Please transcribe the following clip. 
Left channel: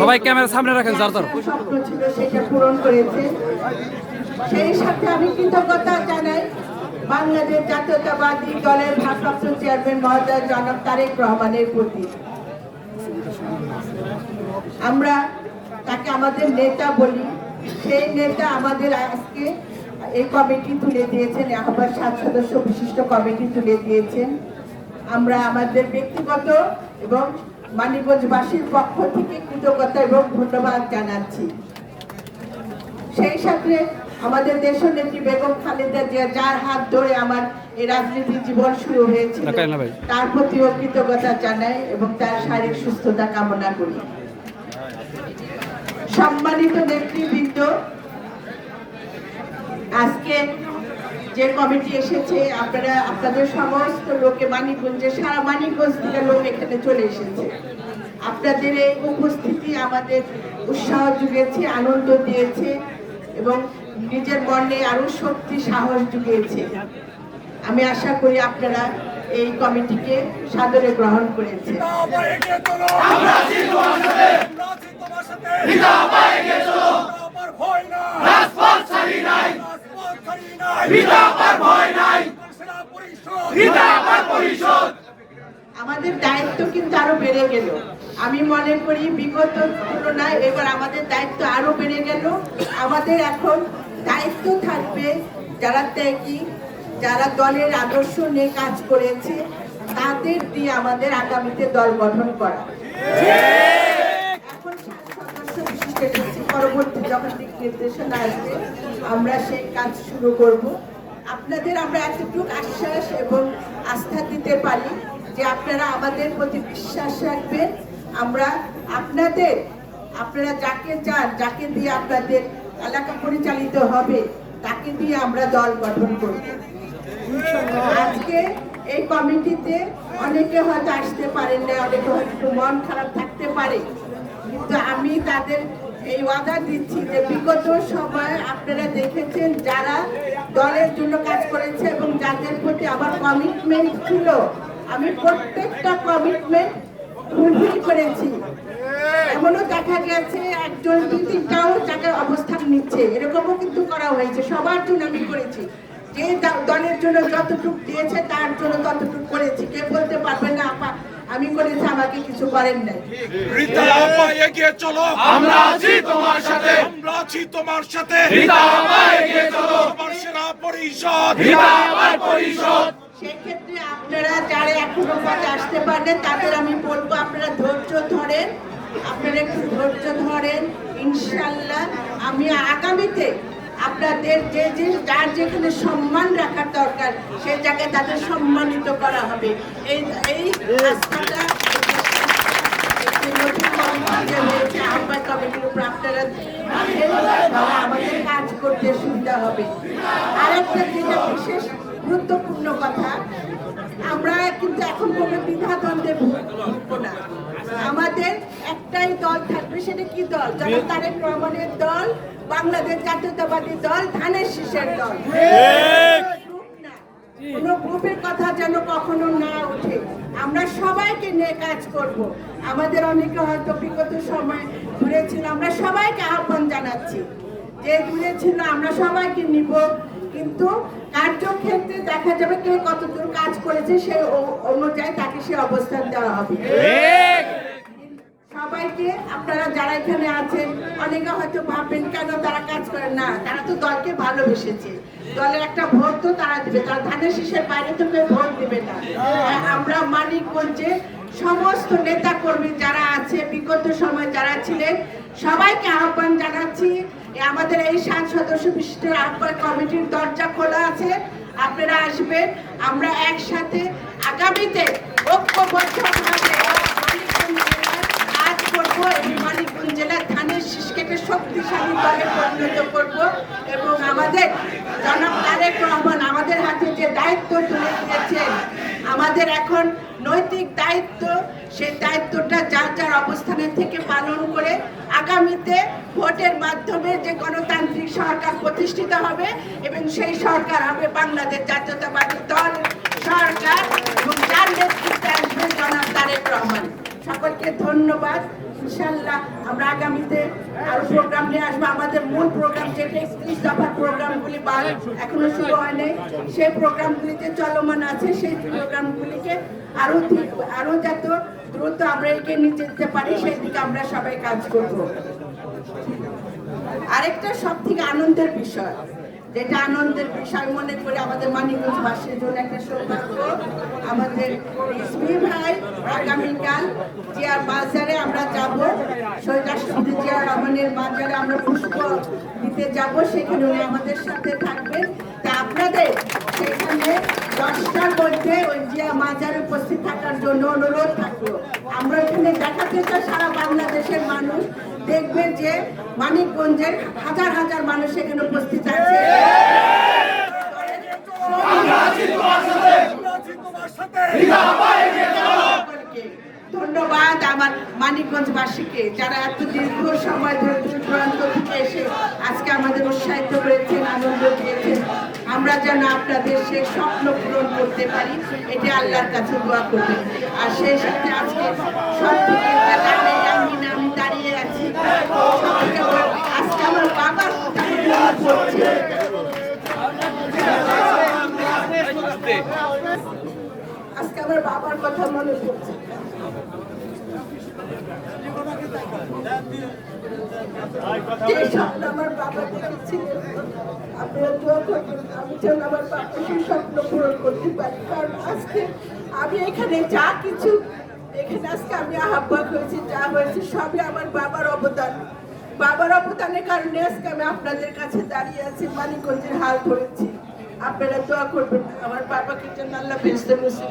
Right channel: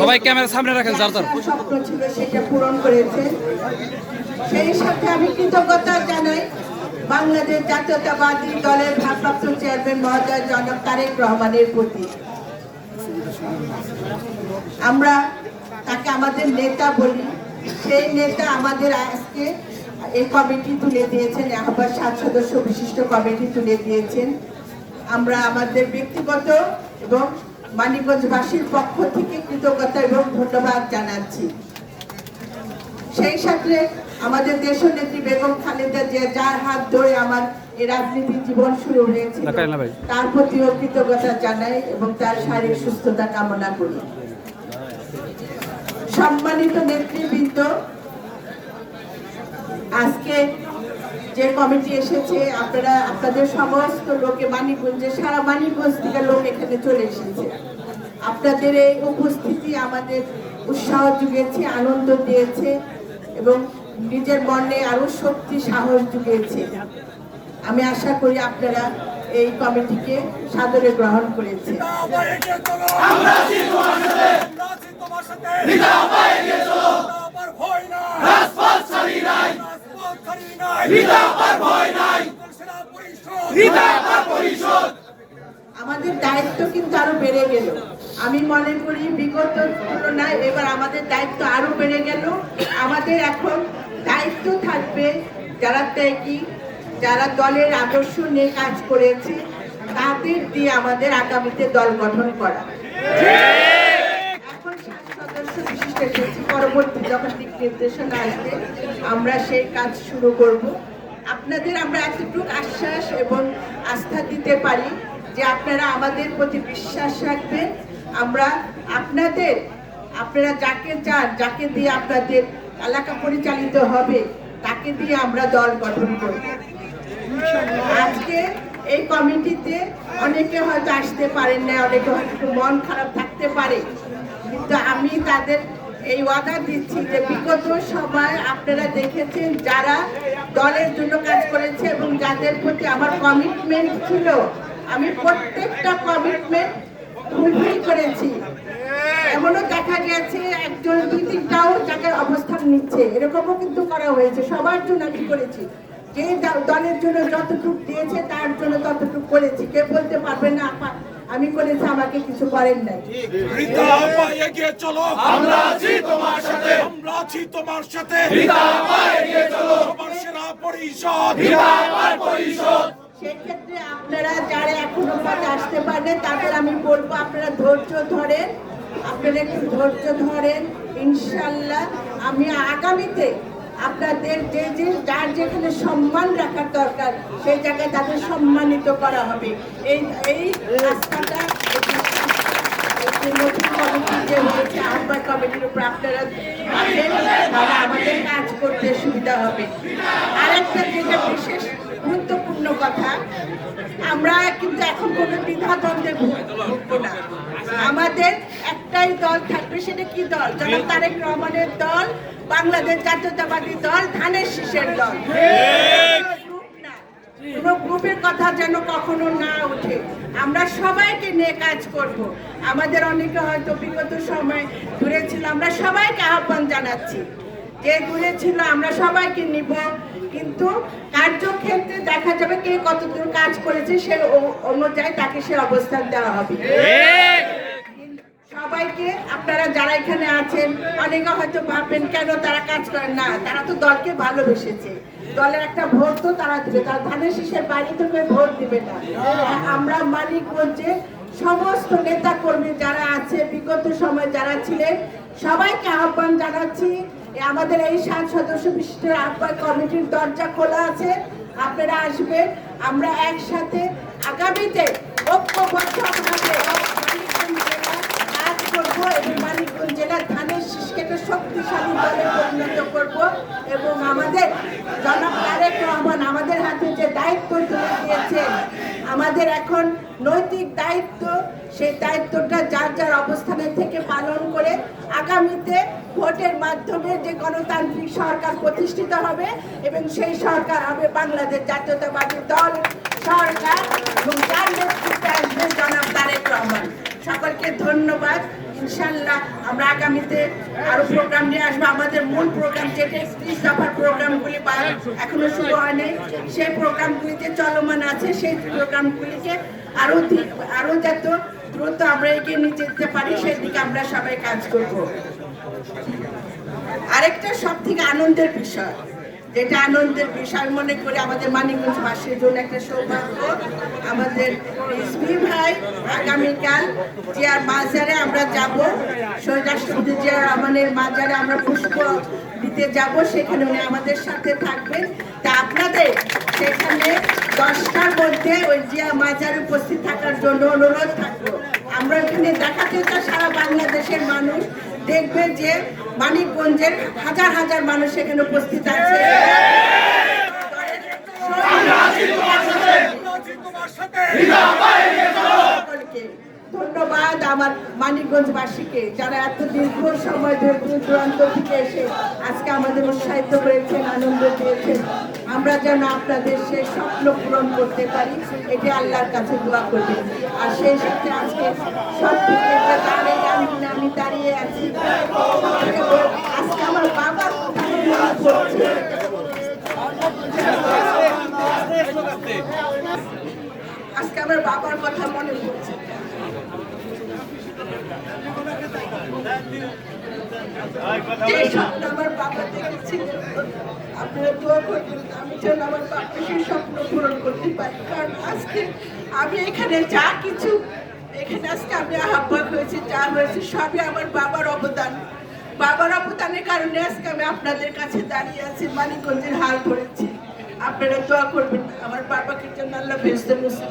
সবাই ক্যামেরা সামনে রাখেন যার যার স্বপ্ন ছিল সেটা পূরণ করেছে। সেই সাথে আমি কৃতজ্ঞতা জানাই বাংলাদেশ জাতীয়তাবাদী দলের ভারপ্রাপ্ত চেয়ারম্যান মহোদয় জনক তারেক রহমানের প্রতি। আমরা তাকে আমাদের নেতা বলি। সেই নেতা আমাদের আজকে এই কমিটি তুলে দিয়েছেন আহ্বান সাত সদস্য বিশিষ্ট কমিটি তুলে দিয়েছেন। আমরা আমাদের ব্যক্তিগত এবং মানিকগঞ্জবাসীর পক্ষ থেকে কৃতজ্ঞতা এবং ধন্যবাদ জানাচ্ছি সেই সাথে আমাদের দেশনেত্রী বেগম খালেদা জিয়া যার হাত ধরে আমার এই রাজনীতির জীবন শুরু হয়েছিল। তার প্রতিও কৃতজ্ঞতা জানাই এবং তার শারীরিক সুস্থতা কামনা করি সম্মানিত নেতৃবৃন্দ আজকে যে কমিটি এসেছে আপনারা আপনাদের সমস্ত লোকে মানিকগঞ্জে সারা মানিকগঞ্জ থেকে লোক এখানে চলে এসেছে। আপনাদের এই উপস্থিতি আমাদের উৎসাহ জুগিয়েছে আনন্দ দিয়েছে এবং নিজের মনে আরও শক্তি সাহস জুগিয়েছে আমি আশা করি আপনারা এই কমিটিকে সাদরে গ্রহণ করেছে আমরা আমাদের দায়িত্ব কিন্তু আরও বেড়ে গেল। আমি মনে করি বিগত তুলনায় এবার আমাদের দায়িত্ব আরও বেড়ে গেল। আমাদের এখন দায়িত্ব থাকবে যারা ত্যাগী, যারা দলের আদর্শ নিয়ে কাজ করেছে, তাদের দিয়ে আমাদের আগামীতে দল গঠন করা। পরবর্তী যখন দিক নির্দেশনা আসবে, আমরা সেই কাজ শুরু করব। আপনাদের আমরা এতটুকু আশ্বাস এবং আস্থা দিতে পারি যে আপনারা আমাদের প্রতি বিশ্বাস রাখবেন। আমরা আপনাদের, আপনারা যাকে চান, যাকে দিয়ে আপনাদের এলাকা পরিচালিত হবে, তাকে দিয়ে আমরা দল গঠন করব। আজকে এই কমিটিতে অনেকে হয়তো আসতে পারেন না অনেকে হয়তো মন খারাপ থাকতে পারে। কিন্তু আমি তাদের এই ওয়াদা দিচ্ছি যে বিগত সময় আপনারা দেখেছেন যারা দলের জন্য কাজ করেছে এবং যাদের প্রতি আমার কমিটমেন্ট ছিল, আমি প্রত্যেকটা কমিটমেন্ট ফুলফিল করেছি। এমনও দেখা গেছে একজন দুই তিনটাও জায়গায় অবস্থান নিচ্ছে। এরকমও কিন্তু করা হয়েছে। সবার জন্য আমি করেছি। যে দলের জন্য যতটুকু দিয়েছে, তার জন্য ততটুকু করেছি। কেউ বলতে পারবে না আমি করেছি আমাকে কিছু করেন নাই। রিতা আপা এগিয়ে চলো। আমরা আছি তোমার সাথে। আমরা আছি তোমার সাথে। রিতা আপা এগিয়ে চলো। তোমার সেনা পরিষদ। রিতা আপার পরিষদ। সেক্ষেত্রে আপনারা যারা এখনও পথে আসতে পারেন তাদের আমি বলব আপনারা ধৈর্য ধরেন। আপনারা একটু ধৈর্য ধরেন। ইনশাল্লাহ আমি আগামীতে আপনাদের যে যে, যার যেখানে সম্মান রাখার দরকার, সেই জায়গায় তাদের সম্মানিত করা হবে। এই এই রাস্তাটা কমিটির উপর আপনারা কাজ করতে সুবিধা হবে। বিশেষ গুরুত্বপূর্ণ কথা, আমরা কিন্তু এখন কোনো দ্বিধাদ্বন্দ্বে ভুগবো না। আমাদের একটাই দল থাকবে সেটা কি দল? জনাব তারেক রহমানের দল বাংলাদেশ জাতীয়তাবাদী দল ধানের শীষের দল। কোনো গ্রুপের কথা যেন কখনো না ওঠে। আমরা সবাইকে নিয়ে কাজ করব। আমাদের অনেকে হয়তো বিগত সময় দূরে ছিল আমরা সবাইকে আহ্বান জানাচ্ছি। যে দূরে ছিল আমরা সবাইকে নিব। কিন্তু কার্যক্ষেত্রে দেখা যাবে কে কতদূর কাজ করেছে সে অনুযায়ী তাকে সে অবস্থান দেওয়া হবে। সবাইকে, আপনারা যারা এখানে আছেন, অনেকে হয়তো ভাববেন, কেন তারা কাজ করেন? না, তারা তো দলকে ভালোবেসেছে। দলের একটা ভোট তো তারা দিবে। তারা ধানের শীষের বাইরে তো কেউ ভোট দিবে না। আমরা মানিকগঞ্জে সমস্ত নেতা কর্মী যারা আছে, বিগত সময় যারা ছিলেন, সবাইকে আহ্বান জানাচ্ছি আমাদের এই সাত সদস্য বিশিষ্ট আহ্বান কমিটির দরজা খোলা আছে, আপনারা আসবেন। আমরা একসাথে আগামীতে জেলার কাজ করব এবং মানিকগঞ্জ জেলার ধানের শীষকে শক্তিশালী পরিণত করব এবং আমাদের জনাব তারেক রহমান আমাদের হাতে যে দায়িত্ব তুলে দিয়েছেন, আমাদের এখন নৈতিক দায়িত্ব, সেই দায়িত্বটা যার যার অবস্থানের থেকে পালন করে আগামীতে ভোটের মাধ্যমে যে গণতান্ত্রিক সরকার প্রতিষ্ঠিত হবে এবং সেই সরকার হবে বাংলাদেশ জাতীয়তাবাদী দল সরকার এবং যার নেতৃত্বে আসবেন জনাব তারেক রহমান। সকলকে ধন্যবাদ। ইনশাল্লাহ আমরা আগামীতে আরও প্রোগ্রাম নিয়ে আসব। আমাদের মূল প্রোগ্রাম যেটা একত্রিশ দফার প্রোগ্রামগুলি বা এখনও শুরু হয়নি। সেই প্রোগ্রামগুলিতে চলমান আছে। সেই প্রোগ্রামগুলিকে আরও আরও যত দ্রুত আমরা এগিয়ে নিয়ে যেতে পারি, সেদিকে আমরা সবাই কাজ করব। আরেকটা সব থেকে আনন্দের বিষয়। যেটা আনন্দের বিষয় মনে করে আমাদের মানিকগঞ্জবাসীর জন্য একটা সৌভাগ্য। আমাদের রিজভি ভাই আগামীকাল জিয়ার বাজারে আমরা যাব। শহীদ রাষ্ট্রপতি জিয়া রহমানের বাজারে আমরা পুষ্প দিতে যাব। সেখানে উনি আমাদের সাথে থাকবেন। তা আপনাদের সেখানে দশটার মধ্যে ওই জিয়া মাজারে উপস্থিত থাকার জন্য অনুরোধ থাকল। আমরা এখানে দেখাতে চাই সারা বাংলাদেশের মানুষ। দেখবে যে মানিকগঞ্জের হাজার হাজার মানুষ এখানে উপস্থিত আছে। ধন্যবাদ আমার মানিকগঞ্জবাসীকে যারা এত দীর্ঘ সময় ধরে দূর দূরান্ত থেকে এসে আজকে আমাদের উৎসাহিত করেছেন, আনন্দ দিয়েছেন। আমরা যেন আপনাদের সে স্বপ্ন পূরণ করতে পারি, এটি আল্লাহর কাছে দোয়া করবেন। আর সেই সাথে আজকে সব থেকে আমি দাঁড়িয়ে আছি। আজকে আমার বাবার কথা আজকে আমার বাবার কথা মনে পড়ছে। আমার বাবা দেখেছিল আপনারা দোয়া আমি যেন আমার বাবা সেই স্বপ্ন করতে পারি। কারণ আজকে আমি এখানে যা কিছু এখানে আজকে আমি আহ্বান হয়েছি, যা হয়েছে, সবই আমার বাবার অবদান। বাবার অবদানের কারণে আজকে আমি আপনাদের কাছে দাঁড়িয়ে আছি, মানিকগঞ্জের হাল ধরেছি। আপনারা দোয়া করবেন, আমার বাবাকে যেন আল্লাহ বেসতে মুসিব